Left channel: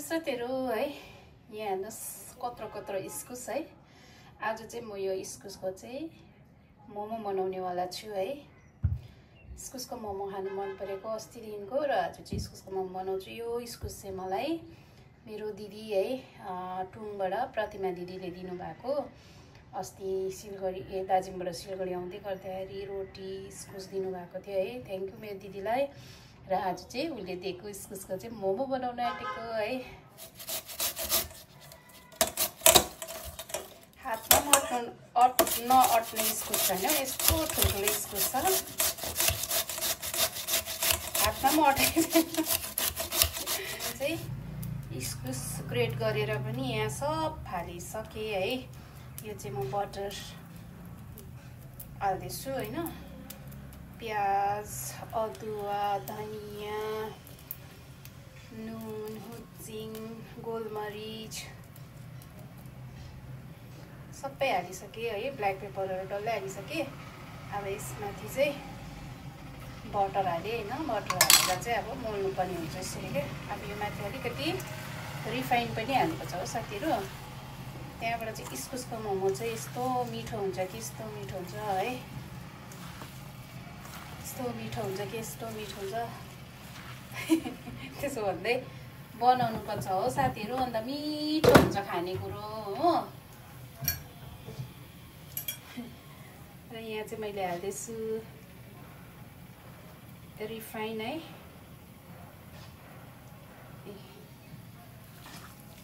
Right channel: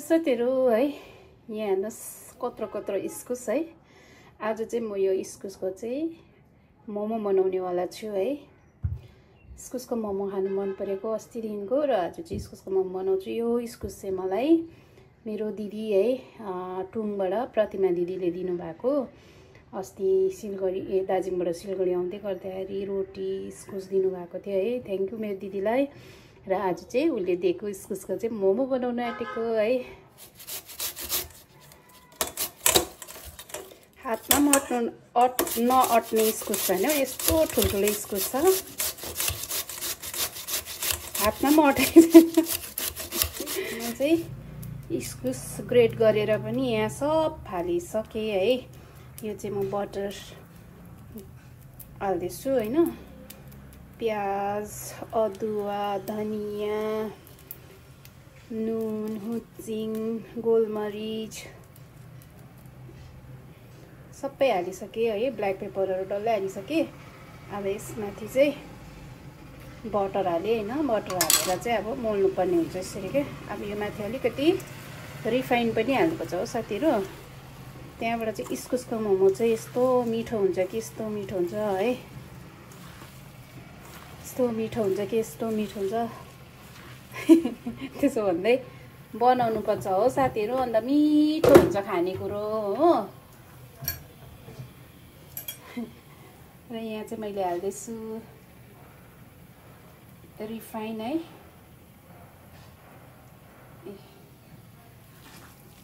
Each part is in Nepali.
साथीहरु है यहाँ हेर्नुस् कत्रो कत्रो इस्कुस है। आज चाहिँ म यो इस्कुसको चाहिँ मोमो बनाउने वाला छु है। इस्कुसको मोमो खानु मन परेको अस्तिदेखिको र आज चाहिँ इस्कुसको मोमो बनाउँछु। यो इस्कुस चाहिँ मलाई मेरो दिदी है टुङबाट प्रतिमा दिदीले दिनुभएको। अस्ति सिलगढी दार्जिलिङबाट सिलगढी आउँदै गर्दाखेरि रोटी इस्कुस दिनुभएको थियो है। थ्यांक यू मेरो दिदीलाई। र आज चाहिँ उले दिएको इस्कुसको चाहिँ मोमो बनाउन आँटेको है। हातमा नअट्ने इस्कुस छैन, यस्तो ठुल्ठुलो इस्कुस छ, हातमा पनि अटेको छैन। चाहिँ इस्कुस ग्रेट गरेर पनि यहाँ सब फालिसके है। यो चाहिँ म बटर हाल्दैछु हैन। प्याज, अदुवा, धनिया, नुन, हुचिङ, गोलमरिच सबै हालिसके है। ब्ल्याक पेपरहरु डल्लै हालिसके। अब यसमाथि चाहिँ बटर हाले हैन। बटर हालेर चाहिँ अब मोल्नु पर्ने हुन्छ यसरी के। अब यो माथि अलिकति रिफाइन पनि हालेको छ हो साथीहरु। त्यहाँबाट चाहिँ इस्कुसको मोमो चाहिँ यस्तो मिठो हुन्छ कि यस्तो मिठो हुन्छ है। यस्तो मिठो हुन्छ कि यस्तो मिठो हुन्छ। त्यसो भन्दै बनाउनु पर्छ हो साथीहरु, अन्त मिठो हुन्छ खानेकुरो हो। र यहाँ चाहिँ मैले हाल्दैछु रिफाइन है।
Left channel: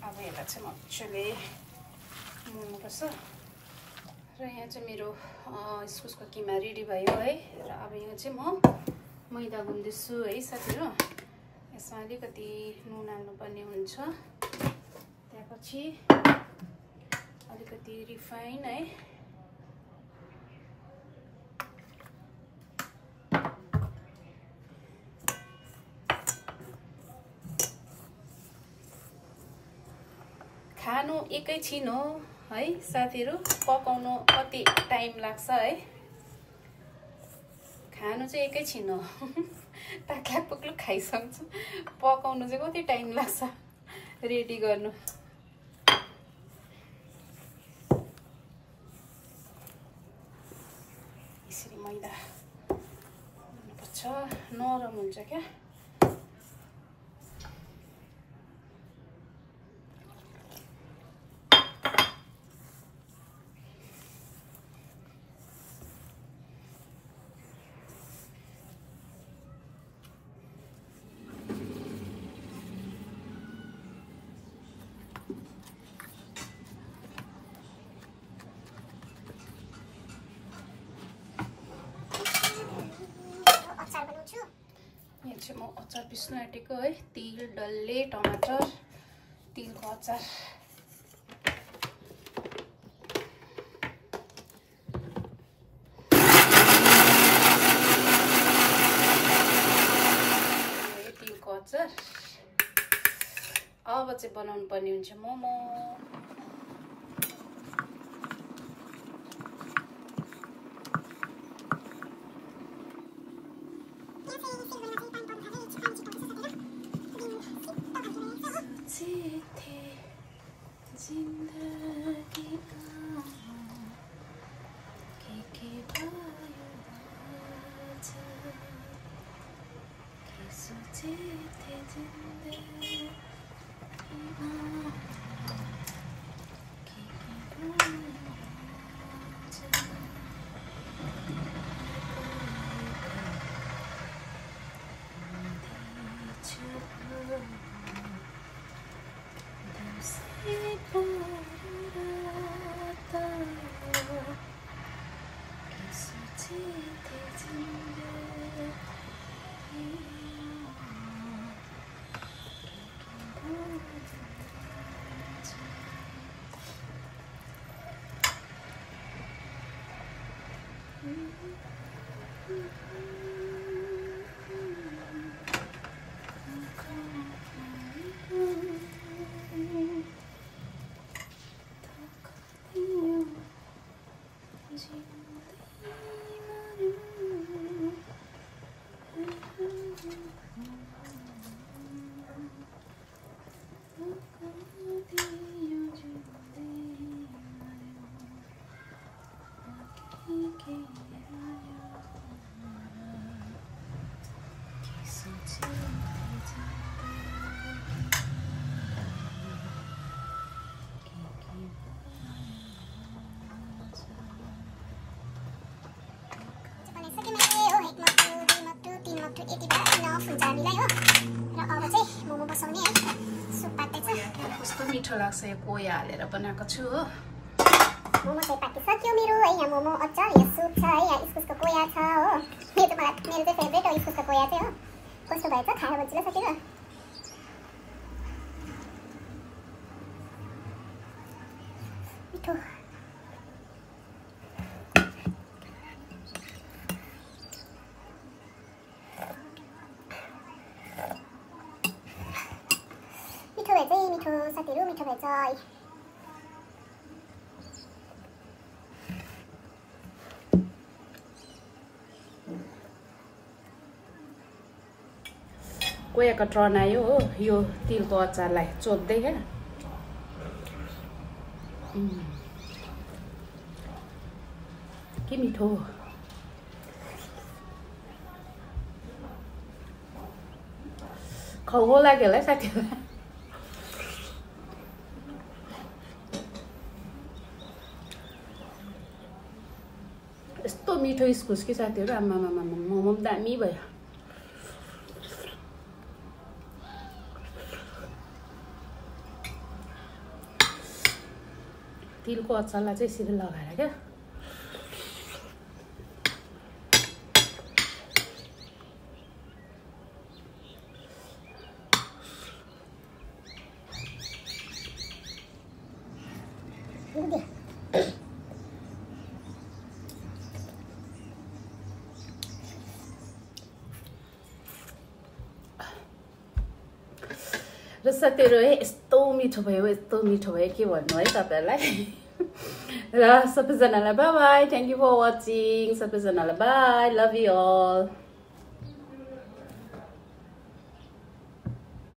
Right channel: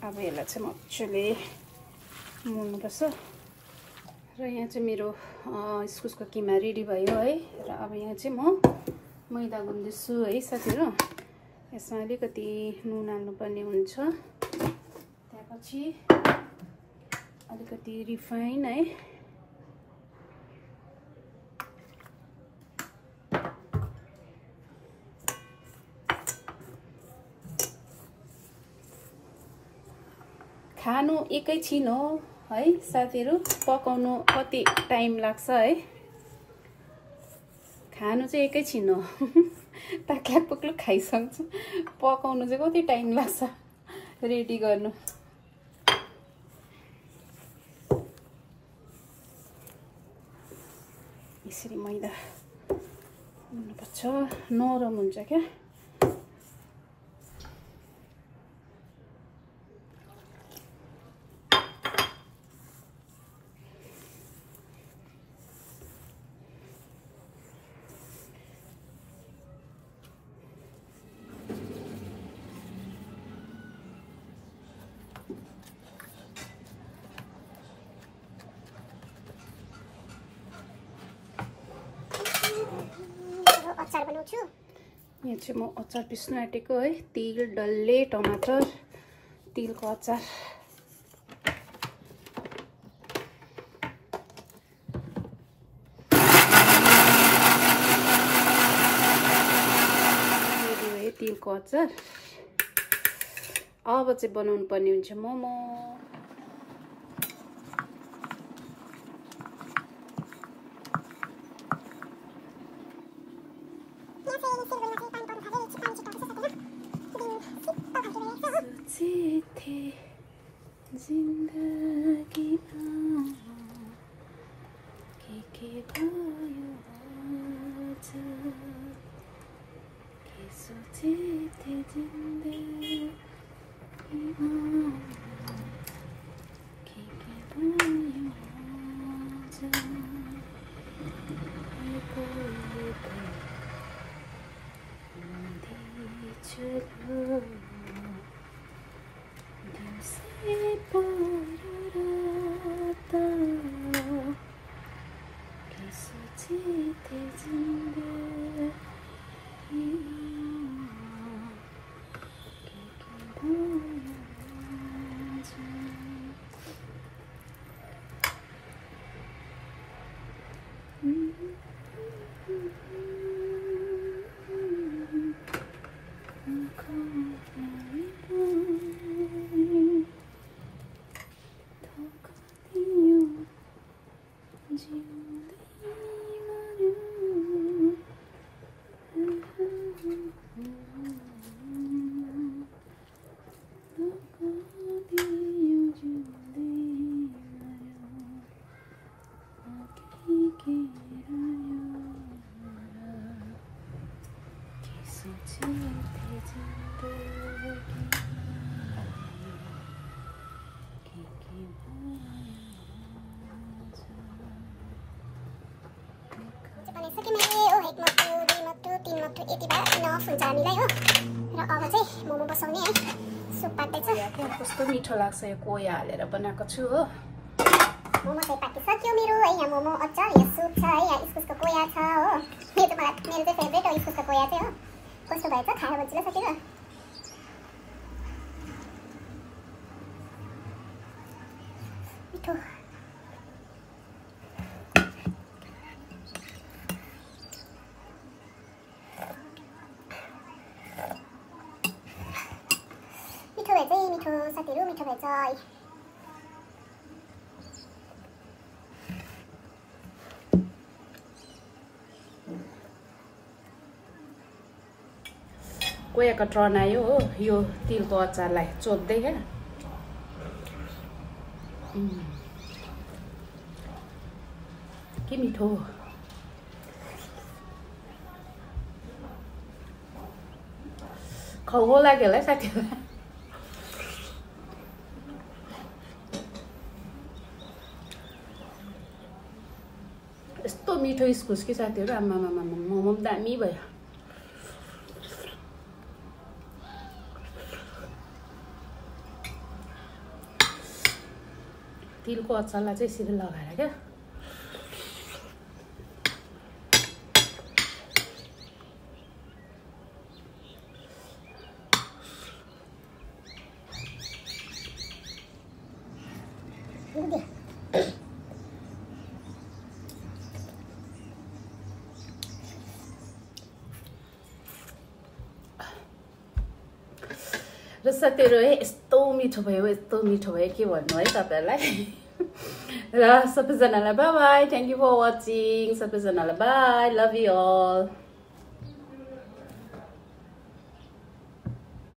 अब यसलाई चाहिँ मजाले मोल्नुपर्छ। र यहाँ चाहिँ मेरो इस्कुसको किमा रेडी भयो है। र अब यहाँ चाहिँ म मैदा गुन्दैछु है साथीहरु। यसमा अलिकति नुन हाल्नुपर्ने हुन्छ। त्यसपछि अलिकति रिफाइन है। खानु एकैछिन हो है साथीहरु, पकाउनु कति टाइम लाग्छ है। खानु चाहिँ एकैछिन हो। टाक्ला पुक्लु खाइसक्छु। पकाउनु चाहिँ कति टाइम लाग्छ रेडी गर्नु। यसरी मैदा हुनुपर्छ, नरम हुन्छ क्या। यहाँ चाहिँ म अचार पिस्नु आँटेको है। तिल, डल्ले, टमाटर, तिलको अचार। तिलको अचार। अब चाहिँ बनाउनु पर्ने हुन्छ मोमो। हुन्छ हामीलाई हो र अगा चाहिँ मोमो बसाउने है सुप पाक्दैछ कस्तो मिठो लाग्छ यो कोया हालेर बनाएको छु हो मोमो चाहिँ पाकिसक्यो मेरो है यहाँ मोमो अचार यहाँ सुप छ है यहाँ इस्कुसको कोया छ हो मेरो चाहिँ फेभरेट हो इस्कुसको कोया चाहिँ हो कस्तो भएछ खाएर बजिलो सकेर मिठो मिठो साथीहरु मिठो भएछ है कोयाको ट्रन आयो हो यो तिलको अचारलाई चोप्दै क्या के मिठो खाउ लाग्यो होला साथीहरूलाई यस्तो मिठो इस्कुस कि साथीहरु आमामा मोमो दामी भयो तिलको अचारलाई चाहिँ यसरी लगाएर क्या र साथीहरु है यस्तो मिठो भयो के भन्नु है तपाईहरुलाई र सबैजनालाई bye bye thank you for watching सबैजनालाई बाइ लभ यु अल